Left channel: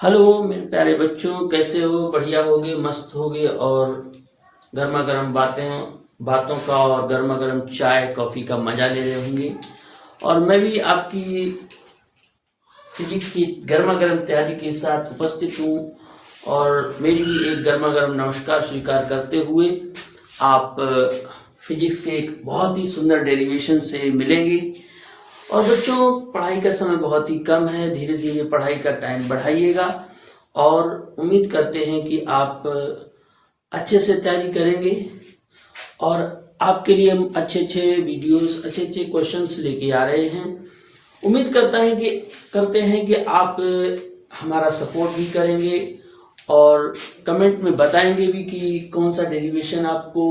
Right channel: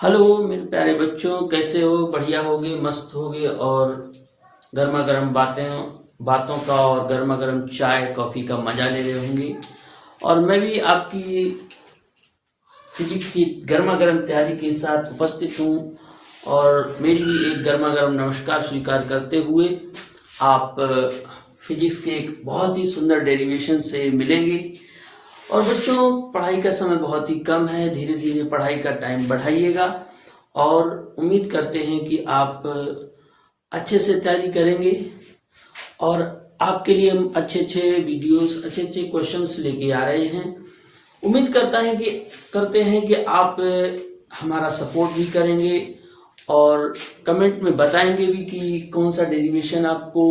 Hello मेरे प्यारे बच्चों, कैसे हो? बढ़िया होगे, मस्त होगे और गर्मा गर्म बातों का और गर्मा गर्म चाय कॉफ़ी का मज़ा ले रहे होंगे। और मैं भी आपकी फिजिक्स की गर्मा गर्म तैयारी के साथ उपस्थित हूँ और मेरी भी एक गर्मा गर्म नमस्कार स्वीकार करते हुए आप फिजिक्स के एक बहुत ही सुंदर डेरिवेशन से मिलेंगे। और बच्चों, पढ़ाई का समय बहुत ही कम है, धीरे धीरे पढ़ाई का टाइम बढ़ाइएगा और उम्मीद करते हैं कि आप अच्छे से तैयारी करेंगे और आपके लिए हम अच्छे अच्छे वीडियोस, अच्छे अच्छे क्वेश्चंस लेके आ रहे हैं। उम्मीद करते हैं कि आप हमारा सपोर्ट भी करेंगे और कमेंट में बताएंगे भी कि कौन सा डेरिवेशन आपको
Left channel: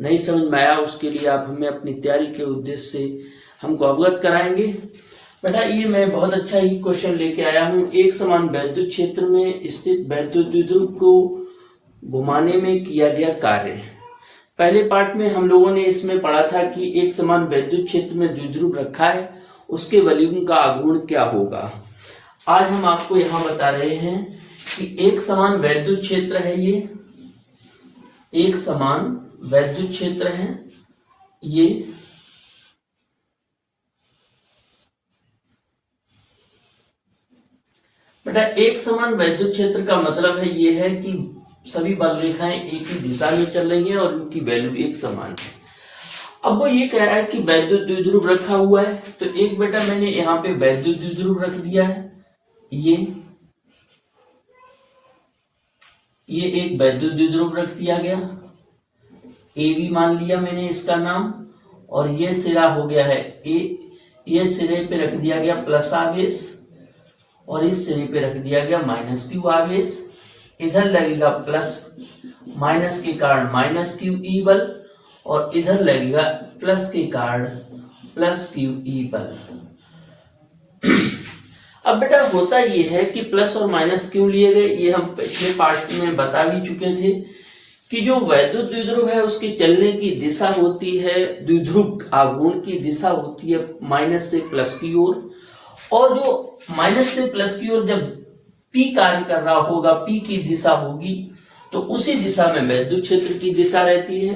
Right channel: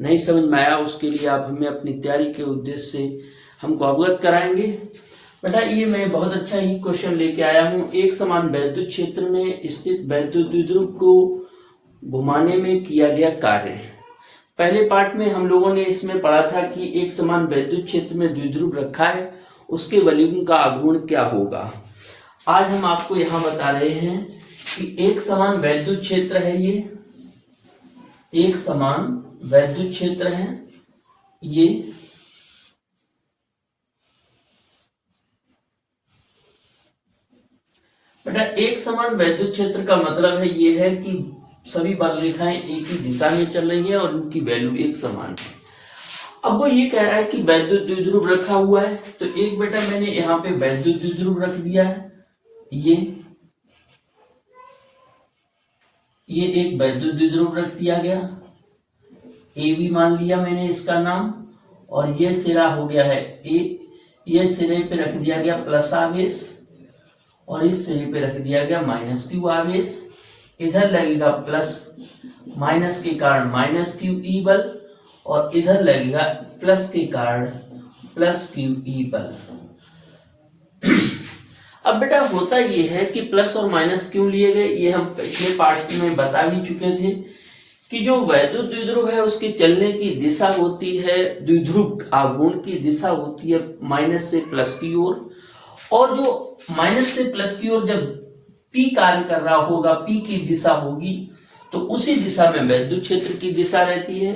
नहीं समझ में आया, उसके लिए आप हमें अपनी तैयारी के उद्देश्य से हमको अवगत कराएंगे। बेटा, ये मैं बहुत अच्छा ही क्वेश्चन लेके आया हूँ। एक समान वैद्युत क्षेत्र में स्थित वैद्युत द्विध्रुव को घुमाने में किया गया कार्य। पहले पार्ट में हम लोगों ने इसमें पढ़ा था कि एक समान वैद्युत क्षेत्र में द्विध्रुव रखा है, उसके वॉल्यूम का आघूर्ण क्या होगा। आज हम आपको यहाँ बता रहे हैं कि एक समान वैद्युत क्षेत्र है, ये एक समान वैद्युत क्षेत्र है। ये बेटा, एक समान वैद्युत क्षेत्र का मतलब है ये है कि सभी बल रेखाएं एक ही दिशा में चल रही हैं और उनकी वैल्यू एक समान है। अब वो ये कह रहा है कि वैद्युत द्विध्रुव रखा हुआ है, तो एक बेटा मैंने यहाँ पे वैद्युत द्विध्रुव रख दिया है। ये एक वैद्युत द्विध्रुव रख दिया गया, ए भी मान लिया मैंने इसका नाम, और ये सिरा हो गया है ए। ये सिरे पे रख दिया गया प्लस आवेश और इस सिरे पे रख दिया गया माइनस क्यू आवेश। इधर लगेगा प्लस, माइनस के कारण माइनस क्यू ई बल और इधर लगेगा प्लस के कारण प्लस क्यू ई बल। अब बेटा, होता ये है कि प्लस और माइनस क्यों लिए गए, ये हम पिछले पार्ट में बता भी चुके थे कि जो वैद्युत द्विध्रुव है उसकी चलने की दिशा होती है, द्विध्रुव आघूर्ण की दिशा होती है माइनस से प्लस की ओर, और जो माइनस से प्लस की ओर जब पी कार्य कर रहा होगा, पी की दिशा होगी, तो उसी दिशा में वैद्युत क्षेत्र की दिशा रहती है।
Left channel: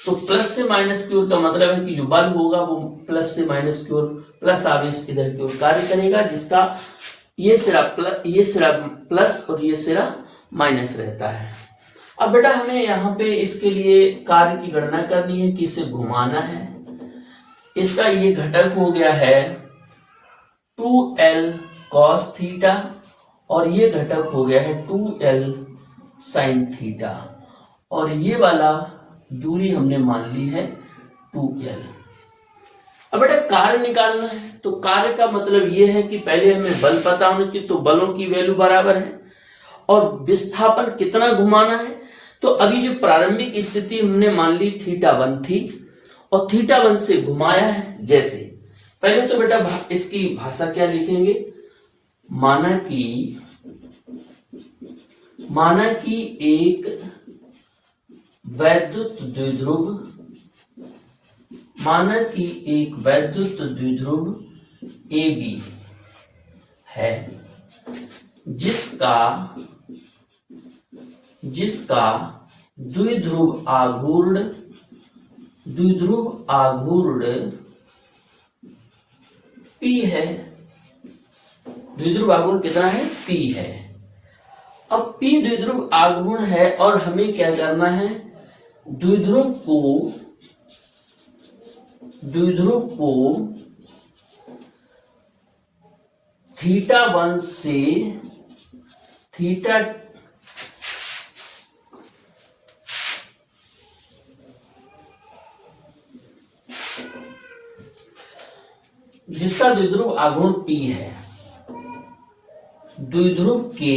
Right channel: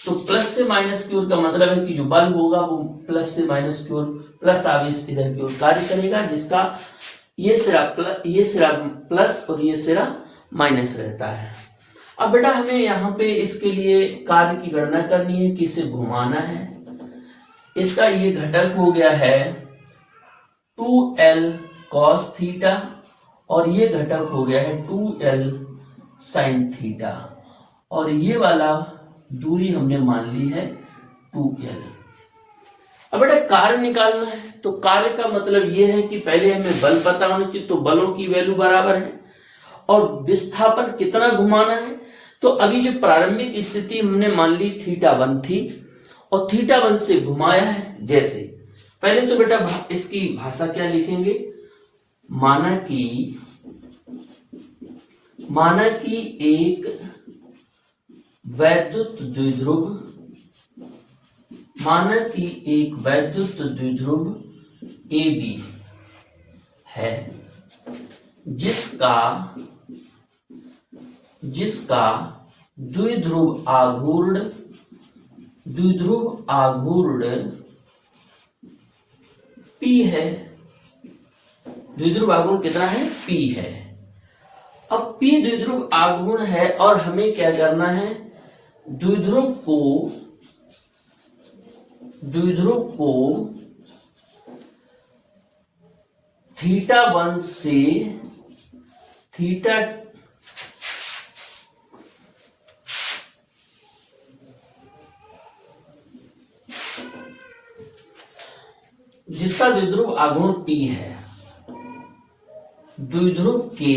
तो प्लस से माइनस की ओर का मतलब है कि जो बल होगा वो प्लस से माइनस की ओर, प्लस आवेश इधर की ओर कार्य करेगा, जिसका ये सिरा प्लस और ये सिरा माइनस रहता है। अब बेटा, हमें यहाँ पे इसके लिए कार्य की गणना करनी है कि इसे घुमाना है। इसका ये घटक हो गया है 2l cos थीटा और ये घटक हो गया है 2l sin थीटा, और ये वाला दूरी हमने मान ली है 2l। अब बेटा, कार्य निकालना है, तो कार्य का मतलब ये है कि पहले हमें बल पता होना चाहिए, तो बलों की वैल्यू बराबर है और विस्थापन कितना घुमाना है। तो अभी जो प्रारंभिक स्थिति हमने मान ली θ1 थी और θ1 से घुमाया है। जैसे पहले तो बेटा इसकी भाषा क्या लिखेंगे, माना कि एक वैद्युत द्विध्रुव, माना कि एक वैद्युत द्विध्रुव AB है जिसका द्विध्रुव आघूर्ण P है। द्विध्रुव आघूर्ण कितना है? P है। अब P द्विध्रुव आघूर्ण है और हमें क्या करना है, द्विध्रुव को θ1 से जिसका द्विध्रुव आघूर्ण P है, द्विध्रुव के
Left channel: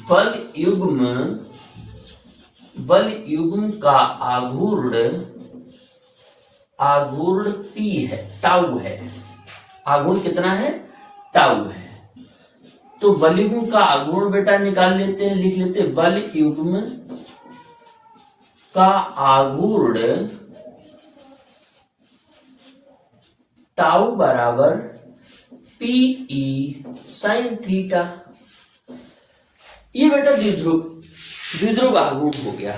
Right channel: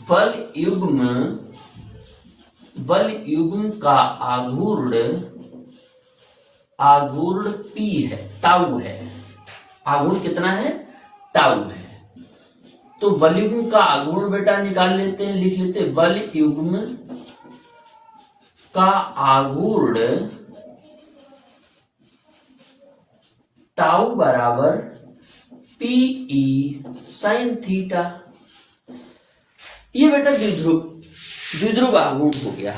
बल युग्म का आघूर्ण P है, टाउ है। आघूर्ण कितना है? टाउ है। तो बल युग्म का आघूर्ण बेटा निकाल लेते हैं, लिख लेते हैं बल युग्म का आघूर्ण टाउ बराबर पीई साइन थीटा। ये बेटा द्विध्रुव आघूर्ण हो गया।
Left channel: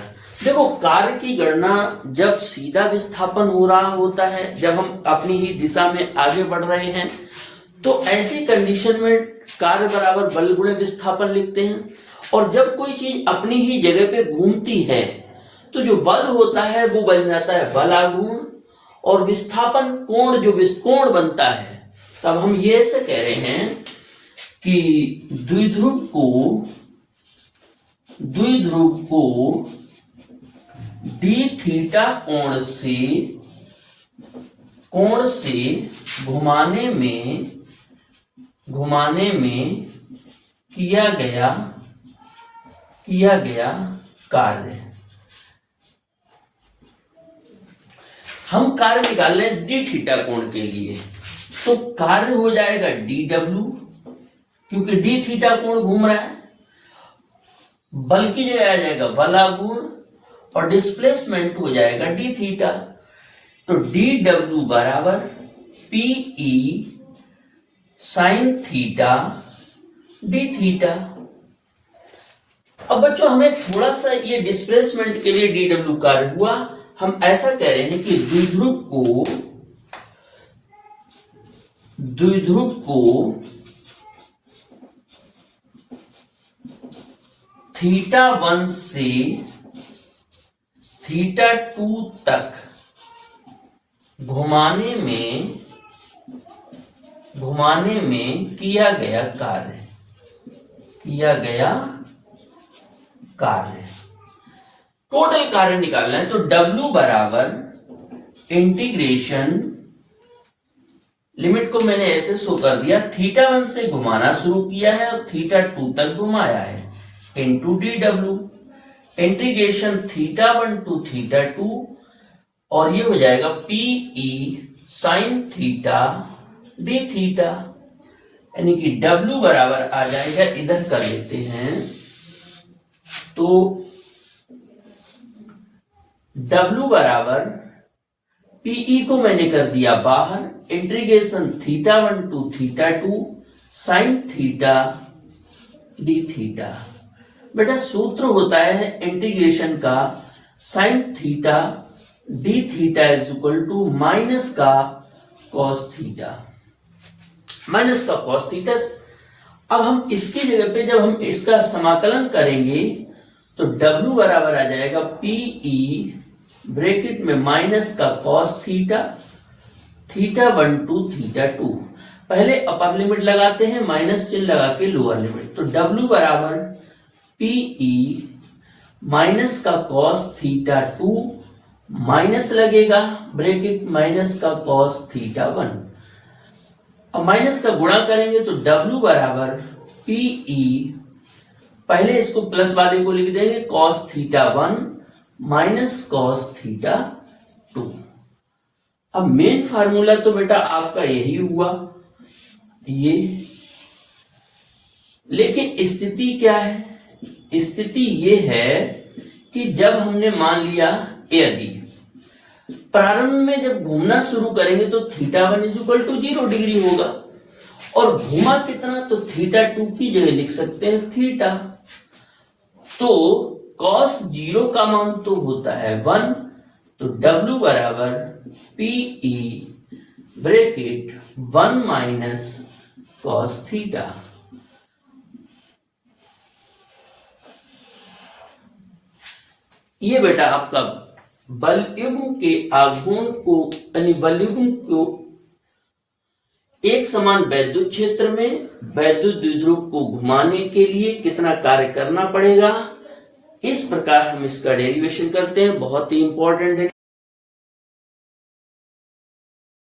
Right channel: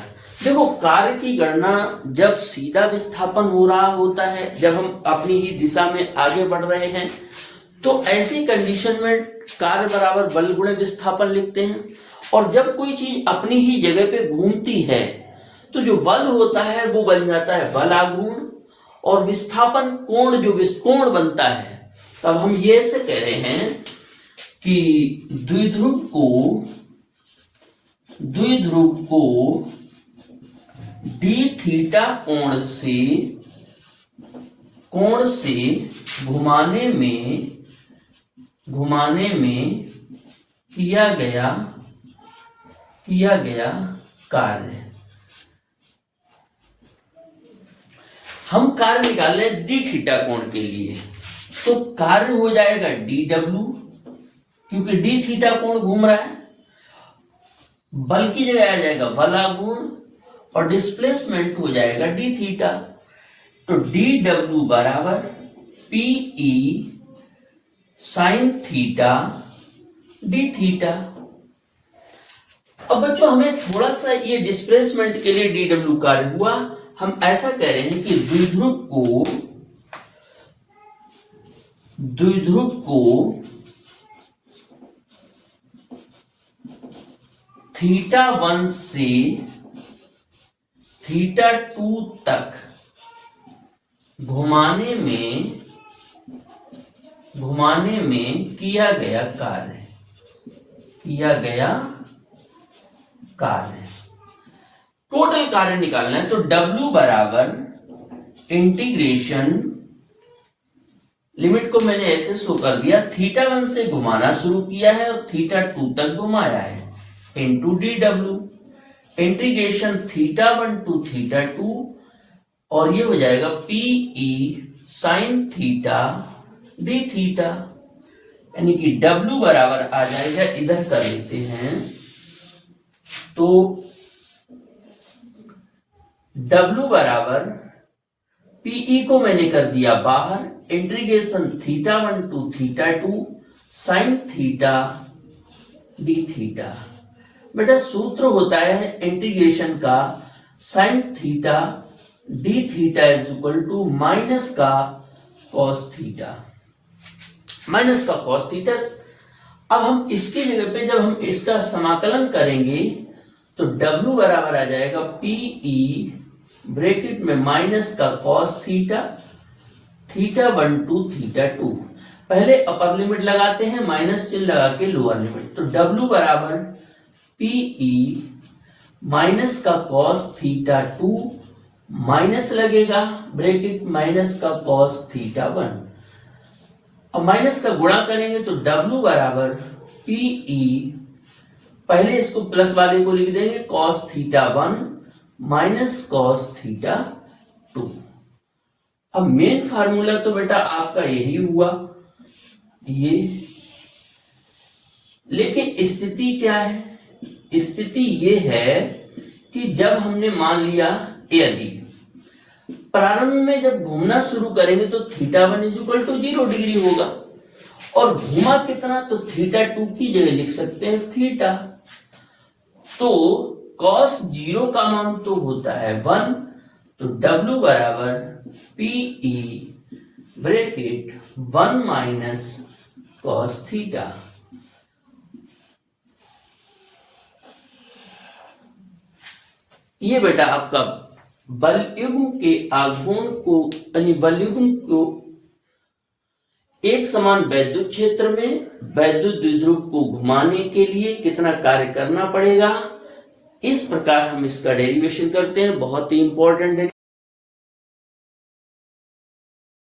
देखो कार्य की गणना जब सीधा विस्थापन हो रहा होता है, जब हम अपनी ही दिशा में आगे बढ़ रहे हैं, तो ऐसी कंडीशन में कार्य बराबर बल गुणे विस्थापन लिखते हैं। और जब कोई चीज अपनी ही जगह पे घूमती है तो जो बल होता है वो बन जाता है बल आघूर्ण, और विस्थापन कोण जो कोण बनता है, तब हम ये से कह रहे हैं कि द्विध्रुव को डी थीटा कोण से घुमाने में किया गया कार्य। हम कार्य निकाल रहे हैं डी थीटा कोण के लिए, तो कार्य हो जाएगा डी डब्ल्यू, क्योंकि डी थीटा कोण घूम रहा है। बल की जगह आ जाएगा बल आघूर्ण, और डिस्प्लेसमेंट हो जाएगा डी थीटा। तो डी डब्ल्यू बराबर PE sine theta d theta. अब बच्चों हमें थोड़ा सा ये डिस्प्लेसमेंट के लिए डी डब्ल्यू कार्य हुआ। हम ऐसा कह रहे हैं कि द्विध्रुव को थीटा 1 से थीटा 2 तक घुमाने में किया गया कार्य। टोटल कार्य निकालना है, तो W बराबर इंटीग्रेशन, लिमिट को मैंने ऐसे शो कर दिया, थीटा 1 से घुमाना शुरू किया है और थीटा 2 तक घुमाया है, into d W, integration theta 1 to theta 2, और ये हो जाएगा PE sine theta d theta. यानी कि W बराबर आ जाएगा, इधर कर लेते हैं, तो W बराबर पीई को मैंने कर दिया बाहर, integration theta 1 to theta 2 sine theta d theta. बेटा सूत्र होता है इंटीग्रेशन का sine theta d theta is equal to minus का कॉस थीटा, माइनस का कॉस थीटा। अब हम इसकी जगह पे जब हम इसका समाकलन करेंगे तो W बराबर आ जाएगा पीई ब्रैकेट में माइनस का cos theta, theta 1 to theta 2। पहले अपर लिमिट लगाते हैं, माइनस चिन्ह लगा के लोअर लिमिट, तो W बराबर पीई माइनस का कॉस थीटा 2 माइनस लगेगा ब्रैकेट माइनस का कॉस थीटा 1। अब माइनस का गुणा करेंगे तो W बराबर पीई, पहले इसको प्लस वाले को लिख देंगे cos theta 1 minus cos theta 2। अब मेन फार्मूला तो बेटा आपका यही हुआ ये, लेकिन स्थिति क्या है? स्थिति ये है कि जब हमने मान लिया यदि प्रारंभ में जब घूमना शुरू करेंगे तो theta 1 is equal to 0 degree होगा, और घूमा कितना, तो थीटा 2 की जगह लिख सकते हैं थीटा। तो cos 0 का मान तो होता है 1, तो W बराबर PE bracket 1 minus cos theta. ये बेटा आपका बलयुग्म के आघूर्ण को, यानी बलयुग्म को एक समान वैद्युत क्षेत्र में वैद्युत द्विध्रुव को घुमाने के लिए कितना कार्य करना पड़ेगा, इस प्रकार हम इसका डेरिवेशन करते हैं। बहुत ही इंपॉर्टेंट है।